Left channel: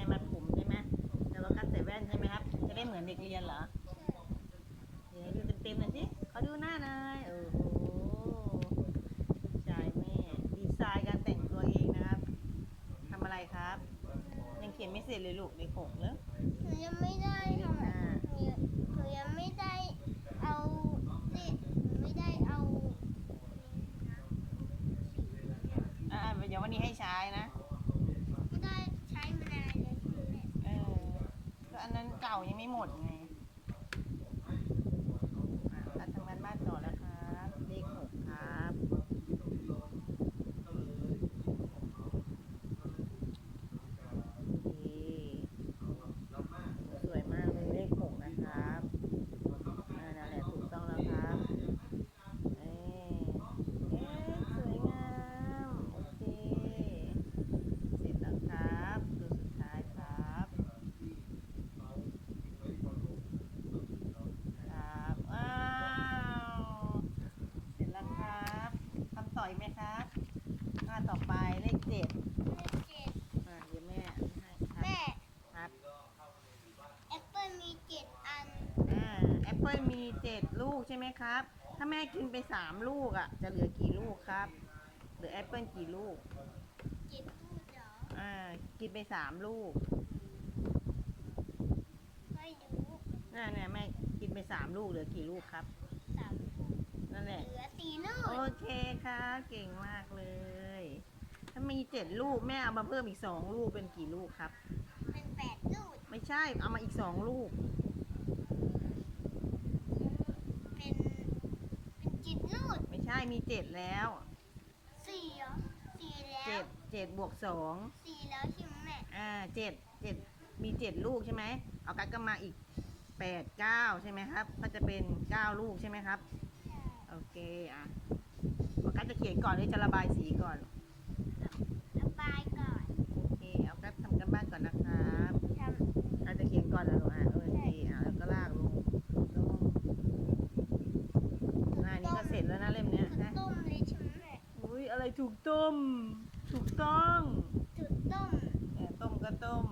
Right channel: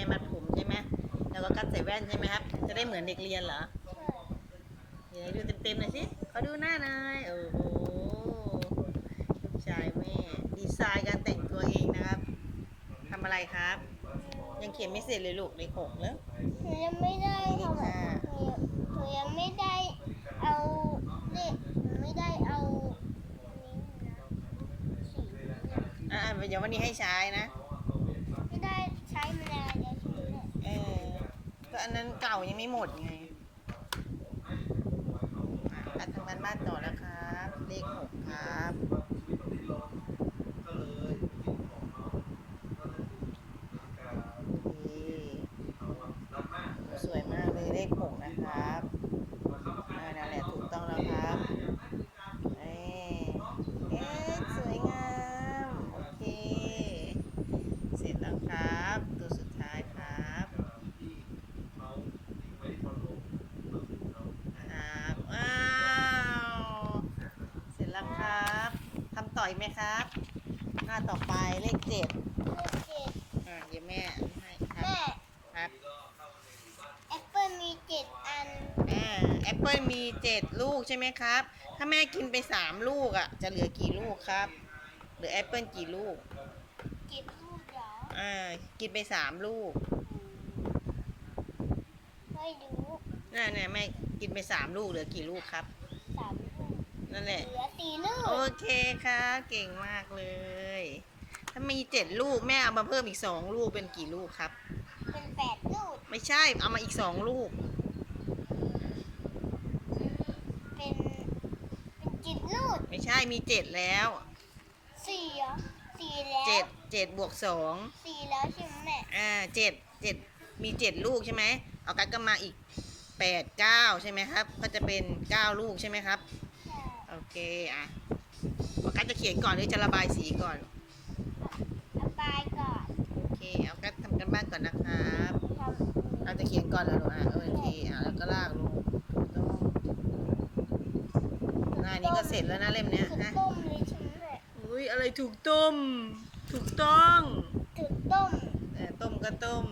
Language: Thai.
ม่มัดผมใช่ไหมแล้วก็กัดใส่แว่นใช่ไหมครับ จะได้เหมือนเด็กเรียนเหรอใช่เดี๋ยวดูเต็มๆหน่อยสิขอดูหน้าหน่อยโอ้โหลูกชายแม่ดีไซน์การแต่งตัวเองนะครับทำอะไรครับ ยังเขียนไม่เสร็จเลยลูกเลขหกแล้วหนูยังไม่ได้ทำเลขห้าหนูยังหนูยังไม่ได้เอาเลขหนูไม่ได้เอาอันนี้นะสีนี้นะอ่าเดี๋ยววันนี้ให้ใช้นะ ไม่ได้ใช้มานานแล้วใช่ไหมเนี่ย เออ ก็ อันนั้นเก่ายังไม่หมดไงอะตัดทางบ้านบ้านต่อแล้วครับ เลขหกครับ โอเคสวยมากเลยเลขหกนะครับอ่านั่นแหละถูกต้องแล้วครับเอ๊ะเอ๊ะสวยงาม โอเค เสร็จแล้วครับ ตัวสุดท้ายครับ ครับว้าว เสร็จแล้วครับทำ ต่อยไหมครับ หน้าต่อไปเลขเจ็ดเลขเจ็ดอ่าเดี๋ยวแม่ให้ครับแม่ครับแอปเปิลมีเจ็ดอันอ่าแอปเปิลมีเจ็ดลูกใช่ไหมครับ ถ้าแม่กินไปสามลูกอะ จะเหลือกี่ลูกครับเหลือแอปเปิลกี่ลูกเจ็ดลูกเหรออ่ากินไปสามลูกไม่รู้น่าเนี่ยแม่กินไปสามลูกเหลือกี่ลูกครับสามลูก นั่นแหละ เหลือสี่ลูกโอเคครับเก่งมากเลย ถ้ามีเจ็ดลูกแม่เอามาเพิ่มอีกสองลูกเป็นกี่ลูกครับ เป็นแปดลูก ไม่ใช่เอามาอีกสองลูก เป็น เป็นเจ็ดลูกไม่ใช่มีเจ็ดแล้วสี่เหรอสี่แล้วเจ็ดเจ็ดบวกสองสี่แล้วใช่ไหมแม่อ่าเจ็ดเจ็ดมีเจ็ดลูกใช่ไหมเอากัดก็มาอีกแปดเก้าใช่ไหมครับ ก็จะเป็นเก้าลูกใช่ไหมครับใช่ โอเคอะเอากัดจะเขียนก่อนหรือจะระบายสีก่อน ระบายก่อน โอเคเอากัดทำกันบ้านก่อนนะครับทำเราจะเขียนก่อนเหรอลูกอะโอเคอะแล้วก็ลากลงถูกต้องหน้านี้ก็เสร็จแล้วนะเล่มเนี้ยคือนะต้มเลยใช่ไหมแม่อุ้ยอะไรถูกต้ม ถูกต้องคือต้มแต่ต้มก็ต้ม